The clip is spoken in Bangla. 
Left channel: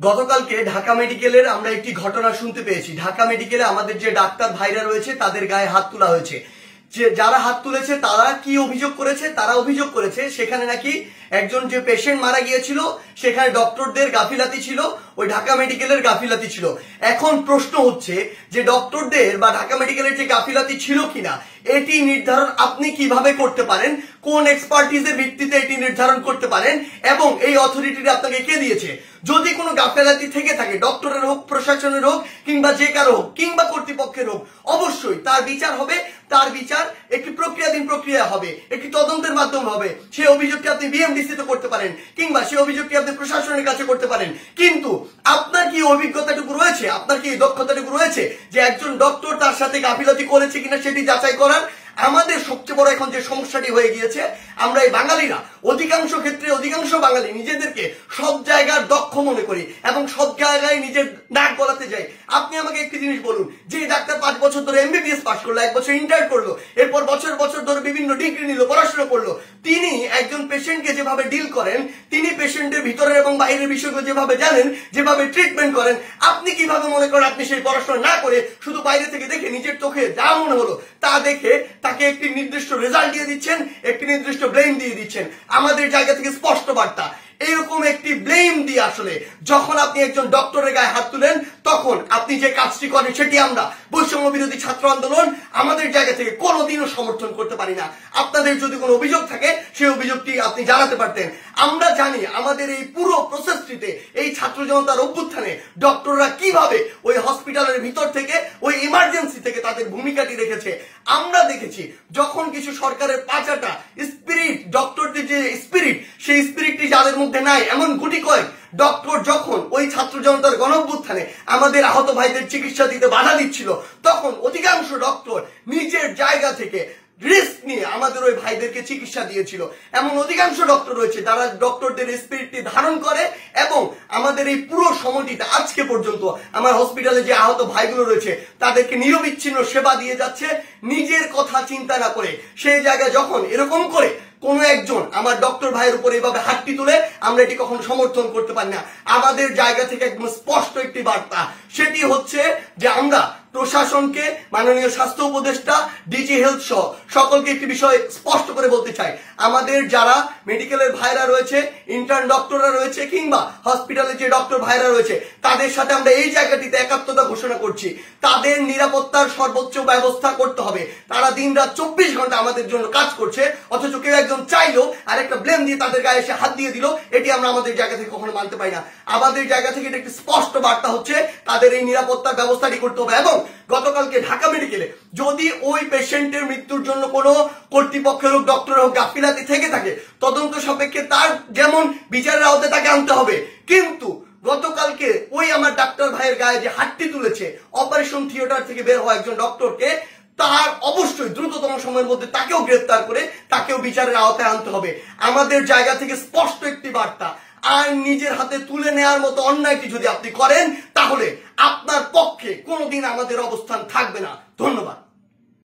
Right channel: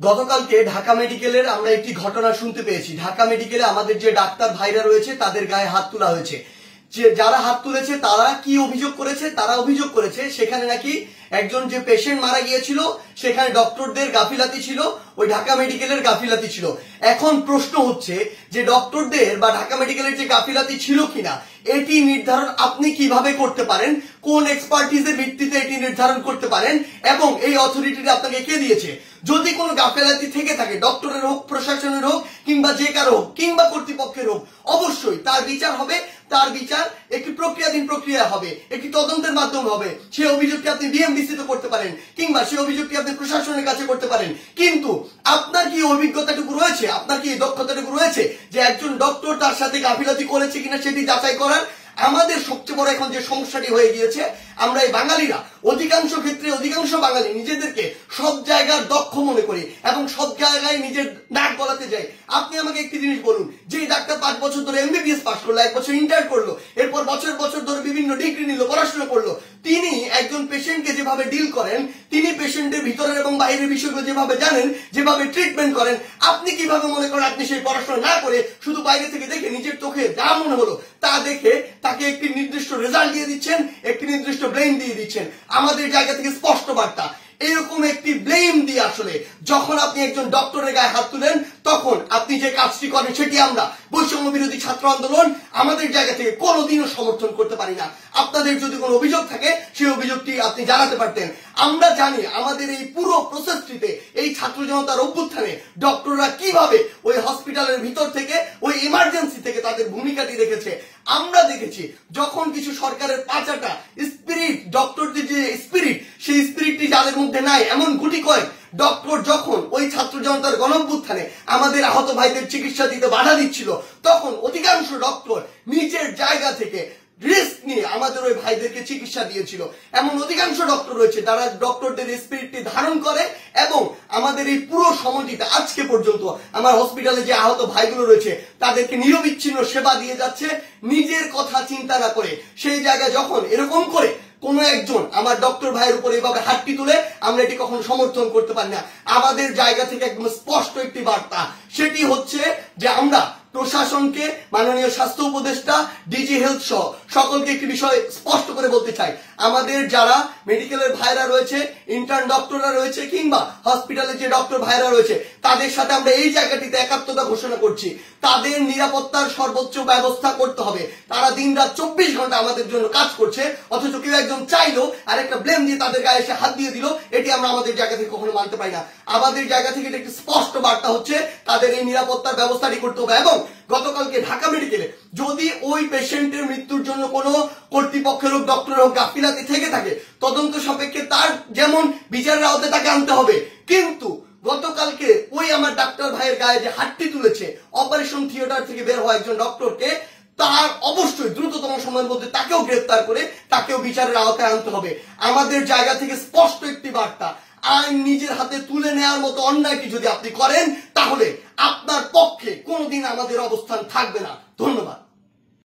গতকালকে ঢাকা মেডিকেলের আমরা একটি ঘটনা শুনতে পেয়েছি। ঢাকা মেডিকেলে আমাদের যে ডাক্তার ভাইরা রয়েছে তাদের গায়ে হাত তোলা হয়েছে। যারা হাত তুলেছে তারা কি অভিযোগ করেছে? তারা অভিযোগ করেছে সেখানে নাকি একজন যে পেশেন্ট মারা গিয়েছিল সেখানে ডক্টরদের গাফিলাতি ছিল, ওই ঢাকা মেডিকেলের গাফিলাতি ছিল। এখন প্রশ্ন হচ্ছে যে ডক্টরদের বা ঢাকা মেডিকেলের যে গাফিলাতি ছিল কিনা এটি নির্ধারণ আপনি কিভাবে করতে পারেন, কোন এক্সপার্টিজের ভিত্তিতে এটি নির্ধারণ করতে পারেন এবং এই অথরিটিটা আপনাকে কে দিয়েছে? যদি কোনো গাফিলাতি থেকে থাকে, ডক্টরের হোক, প্রশাসনের হোক, কিংবা যে কারো হোক, কিংবা কর্তৃপক্ষের হোক, অবশ্যই তার বিচার হবে। তার বিচার একটি প্রক্রিয়াধীন প্রক্রিয়া হবে, একটি তদন্তের মাধ্যমে হবে। সেই অভিযোগটি আপনি বিএমডিসি তে করতে পারেন কিংবা সেই অভিযোগটি আপনি প্রশাসনের কাছে করতে পারেন। কিন্তু আপনার কি অভিজ্ঞতাটুকু রয়েছে, আপনার কি দক্ষতাটুকু রয়েছে যে একজন ডক্টর তার সাথে গাফিলতি করেছে কিনা সেটি যাচাই করার? আমাদের সবচেয়ে বড় এখন যে সমস্যাটি হয়ে গিয়েছে, আমরা এই বাঙালিরা অধিকাংশ ক্ষেত্রে অধিকাংশ বাঙালি নিজেদেরকে সব জায়গার দক্ষ মনে করি এবং সব জায়গায় নিজের নাক গলাতে যাই। আপনি আমাকে একটি জিনিস বলুন, যে ডাক্তার 5 বছর ধরে এমবিবিএস পাস করলো, 1 বছর ইন্টার করলো, এরপর বছর বছর ধরে বিভিন্ন ডিগ্রি নিল, পড়াশোনা করলো, তিনি একজন পেশেন্টকে যেভাবে ডিল করেন, তিনি পেশেন্টের ভিতরের এবং বাইরের বিষয়গুলো যেভাবে জানেন, যেভাবে ট্রিটমেন্ট করেন, আপনি কিভাবে মনে করেন আপনি সেই পড়াশোনা না করে শুধু বাইরে থেকে দেখে নিজের চোখে যা মনে হলো তা দেখে তাকে একটি নির্দিষ্ট রেজাল্ট দিয়ে দিচ্ছেন, একটি নির্দিষ্ট ব্লেম দিয়ে দিচ্ছেন? আমাদের জায়গা থেকে স্পষ্ট বার্তা, এরকম একটি ব্লেম দিয়ে আসলে যখন আপনি একজন ডক্টরের গায়ে হাত তুলেন তখন আপনি যে কাজটি করেন সেটি আমরা বৈষম্য বিরোধী ছাত্র আন্দোলন আমাদের জায়গা থেকে কোনোদিনও সমর্থন করতে পারি না। আপনাদের যদি কোনো অভিযোগ থাকে সেই অভিযোগটি আপনি জানাতে পারতেন। আমরা জানি আমাদের এই পুরো প্রসেসটিতে, এই ছাত্র জনতার অভ্যুত্থানে ডক্টররা কিভাবে ওই হসপিটালের ভিতর থেকে, ওই ইমার্জেন্সি থেকে তাদের ভূমিকাটি রেখেছে। আমরা দেখেছি যখন কিছু সরকারের পাঁচাটা স্পিরিট, ডক্টরদের যে স্পিরিট, সেই স্পিরিটটি যাদের মধ্যে নাই এমন গুটি কয়েক ডক্টর যখন ওই ছাত্র জনতার গণঅভ্যুত্থানে আমাদের আহত ভাইদের চিকিৎসা দিতে বাধা দিচ্ছিল, তখন অধিকাংশ ডক্টর নিজের জায়গা থেকে রিস্ক নিয়ে আমাদের ওই ভাইদেরকে চিকিৎসা দিয়েছিল। এমন অধিকাংশ ডক্টর রয়েছে যারা ডক্টরদের স্পিরিটটি ধারণ করে এবং আমাদের এই পুরো সময়টিতে আজকে পর্যন্ত আমার হসপিটালে যে আহত ভাইগুলো রয়েছে তাদেরকে নিরবিচ্ছিন্ন সেবা দিয়ে যাচ্ছে নিজের কথা চিন্তা না করে। সেই জায়গায় যখন এরকম করে কোন একজন আমার ডক্টর ভাইয়ের উপর এভাবে হাতটি তুলে, আমরা এটি কখনো সমর্থন করতে পারি না। আমাদের জায়গা থেকে একদম স্পষ্ট একটি বার্তা, সেটি হচ্ছে যে আমরা প্রশাসনকে, মাননীয় স্বাস্থ্য উপদেষ্টা, ডিজি হেলথ সহ সকলকে একটি বিষয় স্পষ্ট করে বলতে চাই, আমাদের যারা মেডিকেলের ভাইরা রয়েছে, ইন্টার্ন ডক্টররা রয়েছে, কিংবা হসপিটালের যে ডক্টর ভাইরা রয়েছে, তাদের সাথে আমরা এই জায়গাটিতে একাত্মতা ঘোষণা করছি। তাদের নিরাপত্তার সর্বোচ্চ ব্যবস্থা করতে হবে। তারা দিন রাত 24 ঘন্টা আমাদের জন্য কাজ করছে, অথচ কেউ একজন চাইলো আর একটা ব্লেম দিয়ে তাদের গায়ে এসে হাত দিয়ে দিল, এটি আমরা আমাদের জায়গা থেকে কখনো মানতে পারি না। আমাদের জায়গা থেকে একটি স্পষ্ট বার্তা হচ্ছে তাদের এই নিরাপত্তার ব্যবস্থাটি করতে হবে। এবং গতকালকে ঢাকা মেডিকেলে যদি ওই পেশেন্টের মৃত্যুর জন্য কোনো কর্তৃপক্ষের হোক, ডক্টর হোক গাফিলাতি থেকে থাকে, তদন্ত সাপেক্ষে তার যেমন বিচারের আওতায় তাকে আনতে হবে। কিন্তু গতকালকে ওই আমার ডাক্তার ভাইয়ের গায়ে যে হাতটি তুলেছে, অপারেশন থিয়েটার থেকে বের হওয়া একজন ডক্টরকে, তার অবশ্যই দ্রুততম সময়ের মধ্যে তাকেও গ্রেফতার করে তাকেও বিচারের আওতায় আনতে হবে। আমাদের জায়গা থেকে স্পষ্ট একটি বার্তা, আইন নিজের হাতে তুলে নেওয়ার মতো অন্যায়টি যদি আপনি করেন তাহলে আপনার পক্ষে কোনোদিন আমাদের অবস্থান থাকবে না। ধন্যবাদ।